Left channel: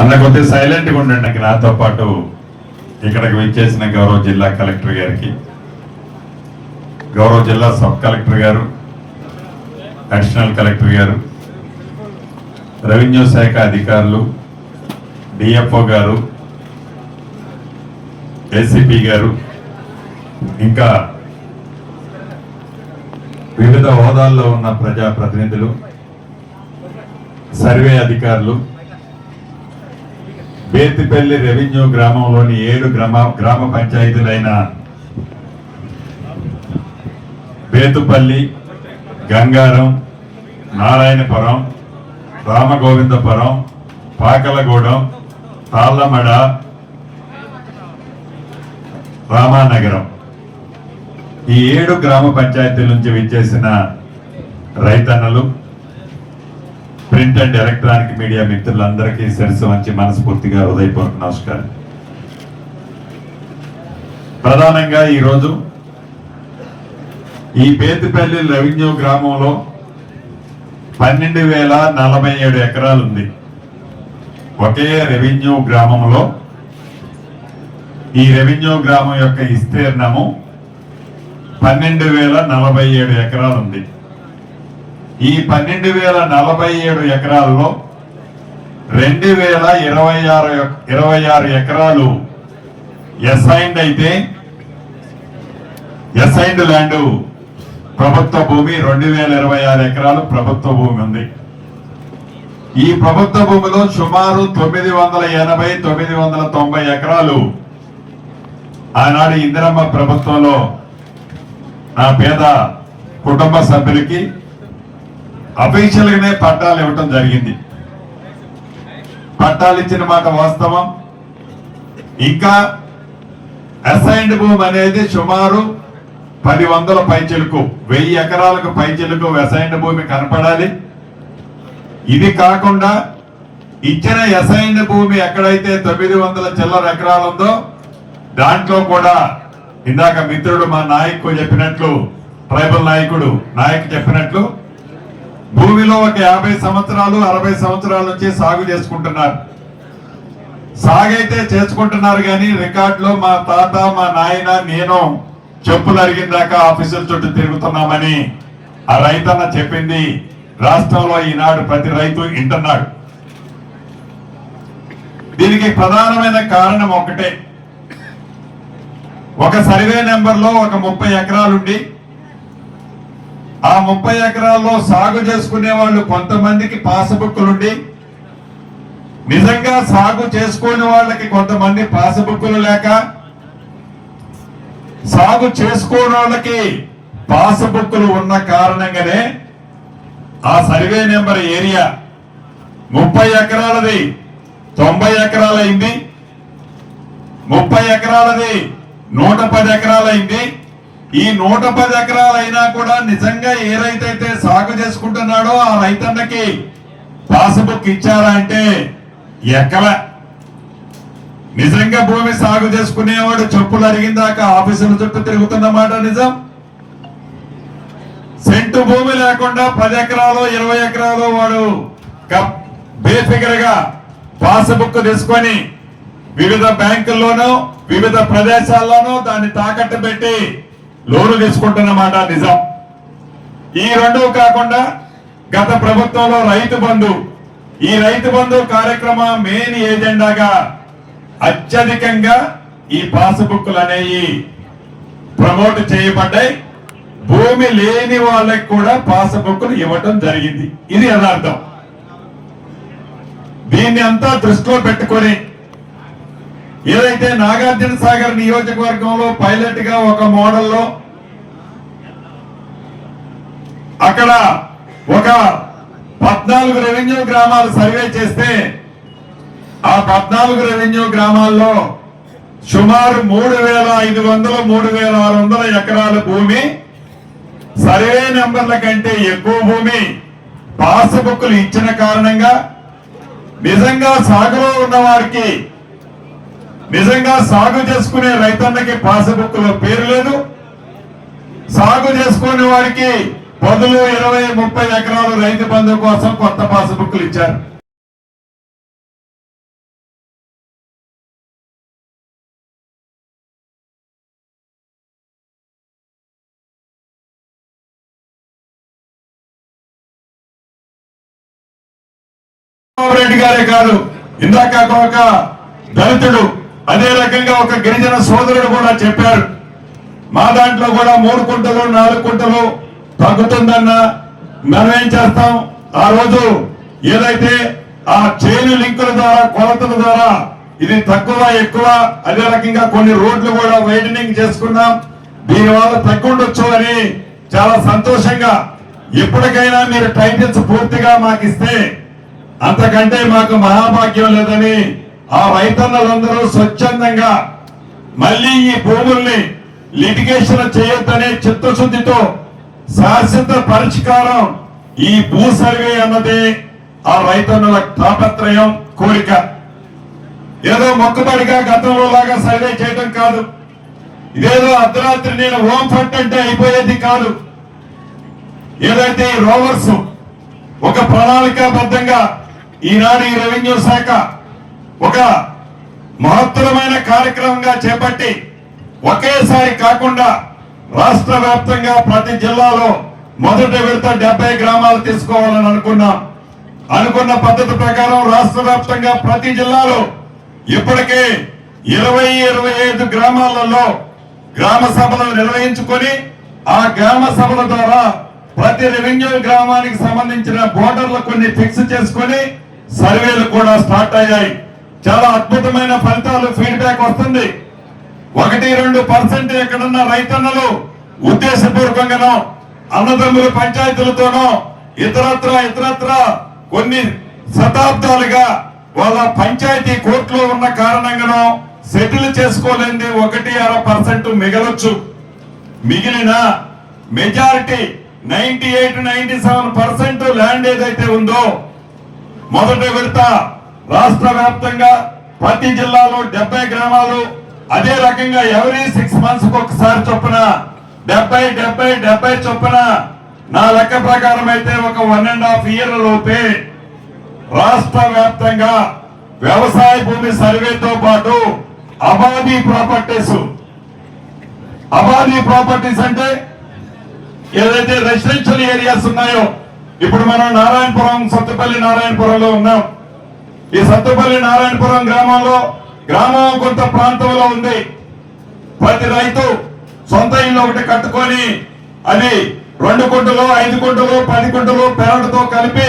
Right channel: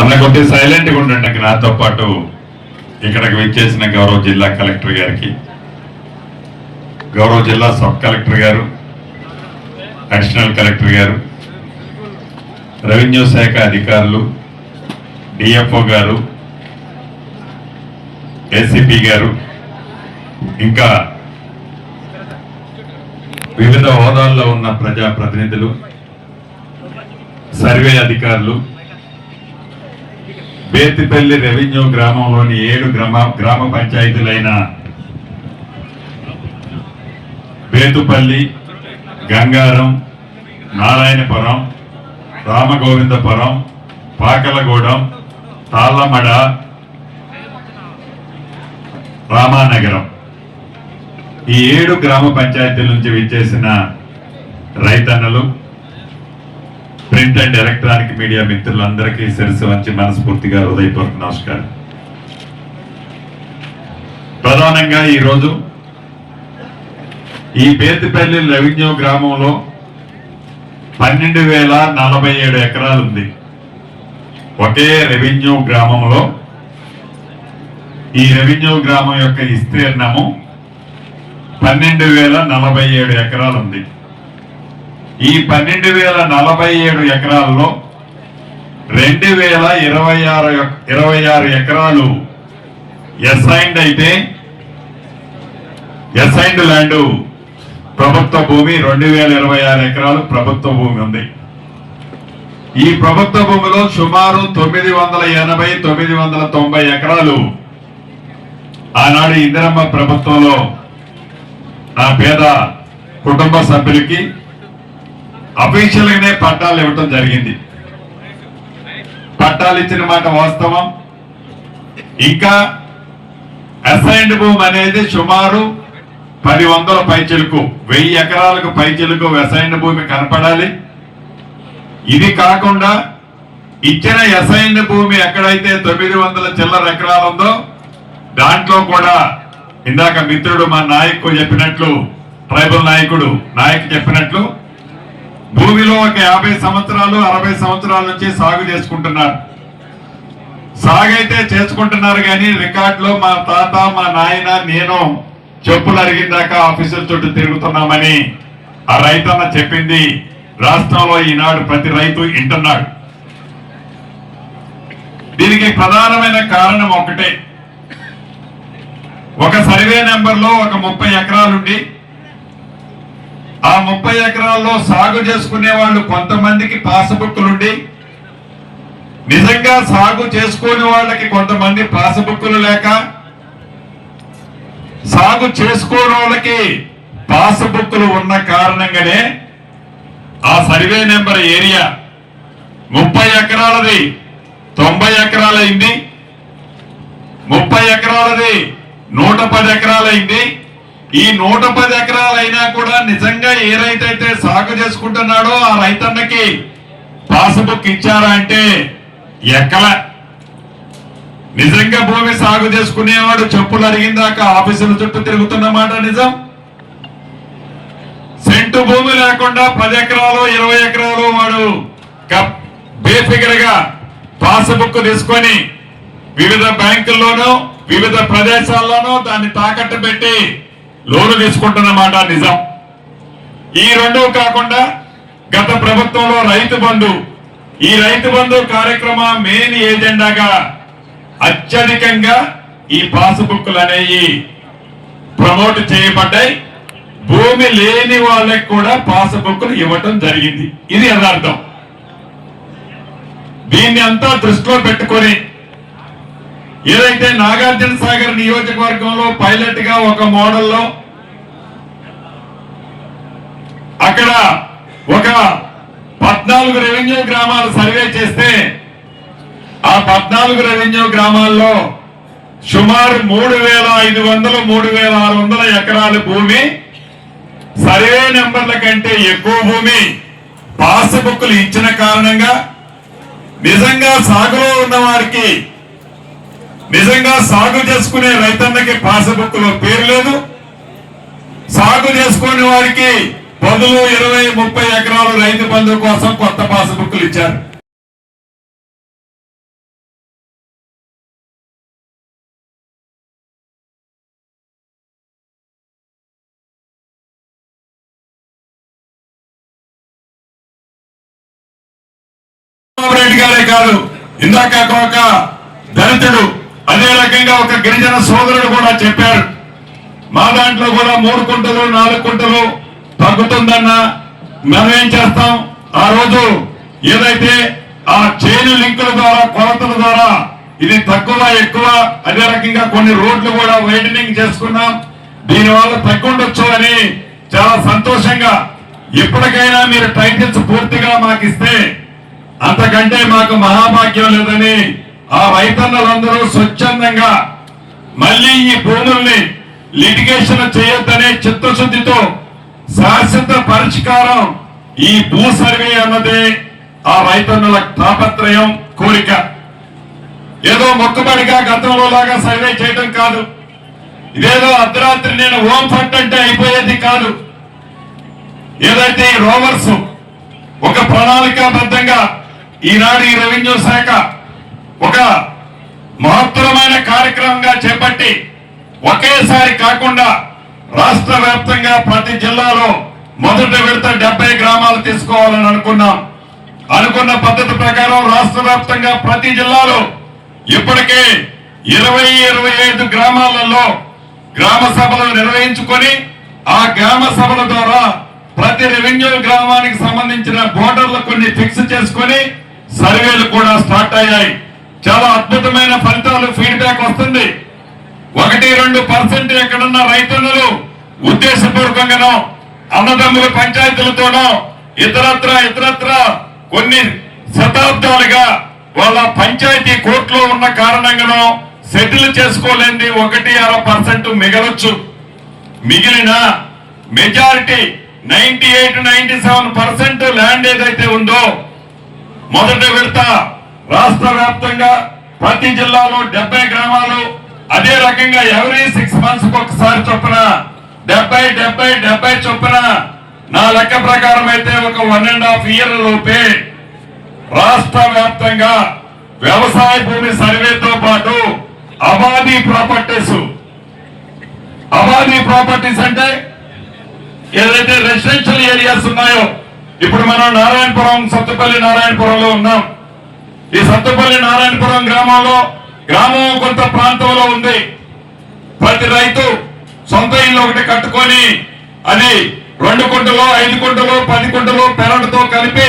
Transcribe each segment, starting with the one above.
అన్న కొద్దిగా సైలెంట్గా ఉండండి. అక్కడ నాతో పాటు ఇక్కడికి విచ్చేసిన గౌరవ జిల్లా కలెక్టర్ గారికి, గౌరవ జిల్లా సబ్ కలెక్టర్ గారు, అడిషనల్ కలెక్టర్ గారు, రెవెన్యూ శాఖ అధికారులు, డిఎఫ్ఓ గారు, ఏసీపీ గారు, ఇంకా వివిధ హోదాల్లో ఉన్న ప్రజాప్రతినిధులు, సర్వే అధికారులు, బేతిపల్లి రెవెన్యూ గ్రామంలోని 7 గ్రామ పంచాయతీలైన బేతుపల్లి, గంగారం, నారాయణపురం, రామగోవిందపురం, పాకలగూడెం, తాళ్ళమడ, రామానగరం, ఈ 7 గ్రామ పంచాయతీల నుంచి విచ్చేసిన రైతన్నలు, ప్రింట్ అండ్ ఎలక్ట్రానిక్ మీడియా మిత్రులందరికీ శిరస్సు వంచి మనస్ఫూర్తిగా హృదయపూర్వక నమస్కారం. ప్రధానంగా ఈరోజు ఈ బేతిపల్లి రెవెన్యూ గ్రామంలో 12,047 ఎకరాలు ఉంది. ఒకే రెవెన్యూ గ్రామంలో ఈ రెవెన్యూ గ్రామం యొక్క విస్తీర్ణము 12,047 ఎకరాలు ఉంది. ఈ 12,047 ఎకరాల్లో 2,026 ఎకరాలు అసైన్డ్ అయితే, అసైన్డ్ ల్యాండ్ ప్రభుత్వ భూమి 2,026 ఎకరాలు ప్రభుత్వ భూమి ఉంది. ఈ ప్రభుత్వ భూమిలో సుమారు 980-990 ఎకరాలు ఆనాడు ఇందిరమ్మ ప్రభుత్వంలో ఆ పేద కుటుంబ సభ్యులకి అఫీషియల్ గానే పట్టాలు ఇవ్వటం జరిగింది. పట్టాలు ఇచ్చిన మాట వాస్తవం. ఇంకా అసైన్డ్ భూమి అనేది సుమారు 10,100 పైచిలుకు, 1000 ఎకరాలకు పైచిలుకు అసైన్డ్ భూమి కనపడాలి. ఇది కాకుండా ఇచ్చిన అసైన్డ్ భూమి ఎక్కడైతే 900 చిల్లర ఎకరాలు ఉందో దాంట్లో కూడా ఇందాక మిత్రుడు మా నాయకు చెప్పినట్లు, ట్రైబల్ నాయకు చెప్పినట్లు భూమిలో ఒక 50 సంవత్సరాలు 60 సంవత్సరాల నుంచి సాగు చేసుకుంటున్నారు. సాగైతే చేసుకుంటున్నారు కానీ రికార్డులో మా తాత, మా నాయన, నేను చెప్పులు అరిగిందాక ఆఫీసుల చుట్టూ తిరుగుతున్నామని ఆ రైతన్న చెప్పింది రాష్ట్రంలో ఈనాడు ప్రతి రైతు వింటున్నాడు. దీనికి ప్రధానమైన కారణం ఒకటే. ఒక సర్వే నెంబర్లో ఒక 30 ఎకరాలుండి ఆ 30 ఎకరాల్లో సాగు చేసుకునే వాళ్ళు కొంతమందికి పాస్బుక్లుండి, నిజంగా సాగు చేసుకునే వాళ్ళకి కొంతమంది పాస్బుక్లు లేక, సాగు చేసుకోని వాళ్ళకి పాస్బుక్లు ఉన్న కారణంగానే ఆ సర్వే నెంబర్ ఏరియా 30 ఎకరాలది 90 ఎకరాలైంది, 30 ఎకరాలది 110 ఎకరాలైంది. ఈ 110 ఎకరాలైనా కూడా నిజంగా ఏ రైతైతే సాగు చేసుకుంటున్నాడో ఆ రైతన్నకి పాస్బుక్ ఇచ్చారా అంటే ఎక్కల. నిజంగా భూమి సాగు చేసుకునేవాడు చెప్పులు అరిగిందాక ఆఫీసుల చుట్టూ తిరుగుతున్నమాట నిజం. సెంటు భూమి లేకుండా 10 ఎకరాలు 20 ఎకరాలు వాడు బేఫిగర్ గా పాస్బుక్ తీసుకొని వివిధ బ్యాంకుల్లోనూ వివిధ ప్రదేశాల్లోనూ దాన్ని తాకట్టు పెట్టి లోను తీసుకుంటున్నమాట నిజం. ఈ రెండూ కాకుండా గత ప్రభుత్వంలో రైతు బంధు, ఈ రైతు బంధు కార్యక్రమం మెయిన్ ఏజెండాగా అత్యధికంగా ఈ పాస్బుక్లు అనేవి ప్రమోట్ చేయబడ్డాయి. భూమి లేని వాళ్ళకి కూడా పాస్బుక్లు ఇవ్వటం జరిగింది. ఇది యథార్థం. దీన్ని అంతా దృష్టిలో పెట్టుకొని ఏదైతే నాగార్జున సాగర్ నియోజకవర్గంలో పైలట్ గా ఒక మోడల్లో అక్కడ ఒక 14 రెవెన్యూ గ్రామాలు సర్వే చేస్తే ఆ 14 రెవెన్యూ గ్రామాల్లో సుమారు 3,500 3,600 ఎకరాల భూమి, సర్వే నెంబర్ల కంటే ఎక్కువ భూమి పాస్బుక్లు ఇచ్చిన కారణంగా నిజంగా సాగులో ఉన్న వారికి, నిజంగా సాగు చేసుకునే రైతన్నకి పాస్బుక్ లో పేరు లేదు. సాగు చేసుకునే వారికి 10, 20, 30 ఎకరాలు రైతు బంధు కోసం కొత్త పాస్బుక్లు ఇచ్చారు. రెడ్డి గారే కాదు, ఇందాక ఒక దళితుడు అదే రకంగా ఒక గిరిజన సోదరుడు కూడా చెప్పారు, మా దాంట్లో కూడా 3 కుంటలు 4 కుంటలు తగ్గుతుందన్నా మనం ఏం చేస్తాం, ఆ రోజు ఏదైతే ఆ చైన్ లింకుల ద్వారా కొలతల ద్వారా ఇది తక్కువ ఎక్కువ, అదే రకంగా కొన్ని రోడ్లు కూడా వైడనింగ్ చేసుకున్నాం, దీనివల్ల తగ్గుండొచ్చు అని చాలా సంతోషంగా, ఇప్పటికైనా మీరు టైటిల్స్ పూర్తిగా మాకు ఇస్తే అంతకంటే మాకు మహాభాగ్యం లేదని ఆ రైతన్నలందరూ స్వచ్ఛందంగా మళ్ళీ ఈ భూముల్ని లిటిగేషన్ చేయొద్దనే చిత్తశుద్ధితో శాశ్వత పరిష్కారం ఈ భూ సర్వే అన్నదే ఆ రైతన్నుల తాపత్రయం, కోరిక. ఏదో మొక్కుబడిగా గతంలో లాగా సర్వే చేయడం కాదు, ఇదేదో అర్ధరాత్రి నేను హోమ్ ఫండ్ అంటే అయిపోయేది కాదు. ఏదైతే ఈ రోవర్స్ ఒక ప్రణాళికాబద్ధంగా ఈనాడు ఈ రెవెన్యూ శాఖ ఒక మహత్తరమైన కార్యక్రమంగా చేపట్టి ఒకేసారి కాకుండా రాష్ట్ర వ్యాప్తంగా ప్రతి జిల్లాలో మొదటి విడత 70 గ్రామాలు తీసుకోవాలని అనుకున్న పద్ధతి ప్రకారం రాష్ట్ర వ్యాప్తంగా ప్రతి జిల్లాలో ఇప్పటికే 20-25 గ్రామాలలో గ్రామ సభలు నిర్వహించుకొని ఆ గ్రామ సభల ద్వారా ప్రతి రెవెన్యూ గ్రామానికి సంబంధించిన బోర్డర్లు కొన్ని ఫిక్స్ చేసుకొని సర్వేలు కూడా స్టార్ట్ అయ్యాయి. చాలా అద్భుతమైన ఫలితాలు, ఫీడ్బ్యాక్ వస్తుంది. 1-2% ఎక్కడున్న రైతన్నలు ఉద్దేశపూర్వకంగానో అన్నదమ్ముల పంచాయతీలతోనో ఇతరత్ర కొన్ని శతాబ్దాలుగా వాళ్ళ పంచాయతీ కోర్టులో ఉన్న కారణంగానో సెటిల్ చేసుకోలేంది 1-2% మిగలొచ్చు. మిగిలిన మెజారిటీ 98-97% ల్యాండ్ ఏదైతే ఉందో మొదటి విడత రాష్ట్ర వ్యాప్తంగా ప్రతి జిల్లాలో 70 గ్రామాలు, అదే రకంగా ఎవరీ 6 months ఒకసారి చొప్పున 70 చొప్పున నా లెక్క ప్రకారం అయితే ఒక 1.5 year లోపే రాష్ట్ర వ్యాప్తంగా వ్యవసాయ భూమి సర్వేతో పాటు అబాదీ ప్రాపర్టీస్ అంటే ఏదైతే రెసిడెన్షియల్ ఏరియాస్ ఉన్నాయో, ఇప్పుడు మనం నారాయణపురం సత్తుపల్లి నారాయణపురంలో ఉన్నాం. ఈ సత్తుపల్లి నారాయణపురం గ్రామం కొంత ప్రాంతంలో ఉంది. ప్రతి రైతు సొంత ఇల్లు ఒకటి కట్టుకొని అది 2 కుంటలు 5 కుంటలు 10 కుంటలు పెరడుతో కలిపి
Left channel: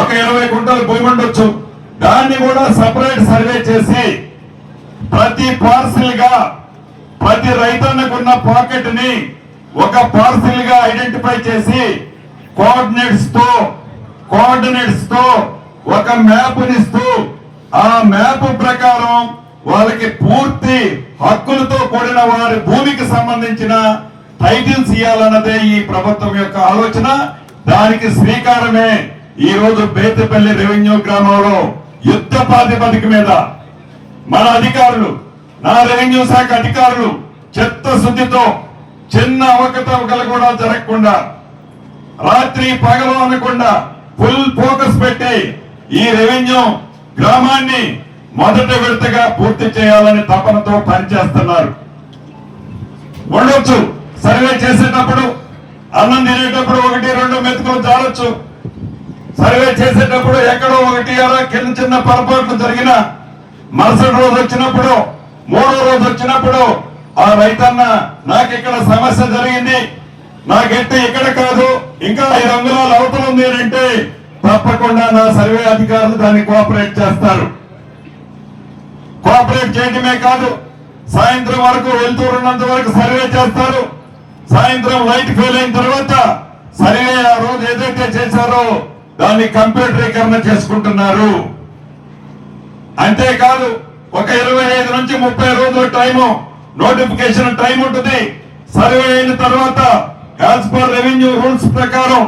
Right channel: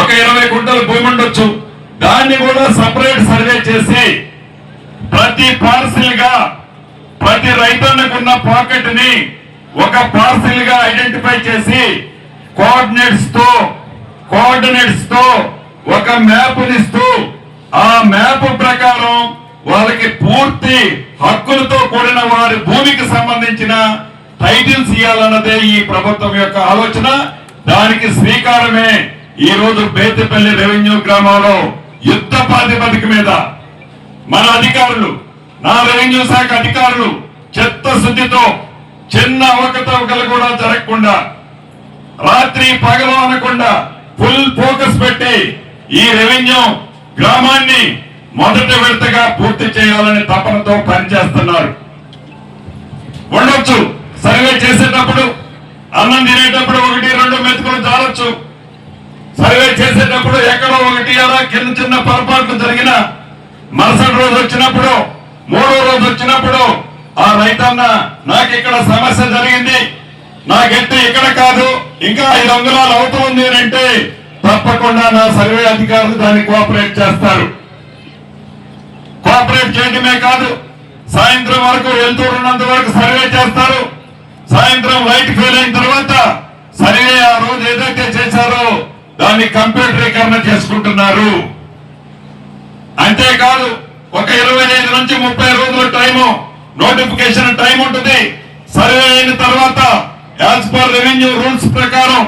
ఒక 20 కుంటలు భూమి ఉండొచ్చు. దాన్ని కూడా సపరేట్ సర్వే చేసి ప్రతి పార్సిల్ గా ప్రతి రైతన్నకున్న పాకెట్ ని ఒక పార్సిల్ గా ఐడెంటిఫై చేసి కోఆర్డినేట్స్ తో ఒక మ్యాప్ ఇస్తూ ఆ మ్యాప్ ప్రకారం వాళ్ళకి పూర్తి హక్కులతో కూడిన వారి భూమికి సంబంధించిన టైటిల్స్ ఇవ్వాలన్నదే ఈ ప్రభుత్వం యొక్క ఆలోచన. దానికి శ్రీకారమే ఈ రోజు బేతిపల్లి రెవెన్యూ గ్రామంలో యుద్ధ ప్రాతిపదిక మీద మన అధికారులు, నా రెవెన్యూ శాఖ అధికారులు చిత్తశుద్ధితో చిన్న అవకతవకలు కూడా జరగకుండా రాత్రి పగలు అనకుండా ఫుల్ ఫోకస్ పెట్టి ఈ రెవెన్యూ గ్రామాన్ని మొదటి విడతగా పూర్తి చేయాలని తపనతో పనిచేస్తున్నారు. ఉండొచ్చు సర్వే చేసేటప్పుడు అన్నం తినేటప్పుడు 1-2 మెతుకులు జారొచ్చు. సర్వే చేసేటప్పుడు ఎక్కడో 1 కింద చిన్న పొరపాట్లు జరిగిన మరుసటి రోజు వచ్చినప్పుడు 3వ రోజు వచ్చినప్పుడు ఆ రైతన్న నాకు ఇక్కడ సమస్య జరిగింది, నా గట్టి ఇక్కడ కాదు ఇంకా 5 అంగుళాలు అవుతుంది అంటే తప్పకుండా నా సర్వే అధికారులు దాన్ని కోఆపరేట్ చేస్తారు. కోఆపరేట్ చేయడమే కాదు, సాయంత్రం వరకు వెళ్తున్నంత వరకు సర్వే చేస్తారు. సాయంత్రం లైట్ ఫెయిల్ అయిన తర్వాత సర్వే ఆ రోజు ఏదైతే చేశారో దాన్ని కంప్యూటరీకరణ చేసుకుంటున్నారు. అంతేకాదు ఒక 25 నుంచి 30 రోజుల టైము నోటిఫికేషన్ టైం ఉంటుంది. సర్వే అయిన తర్వాత యాజ్ పర్ రెవెన్యూ రూల్స్ ప్రకారం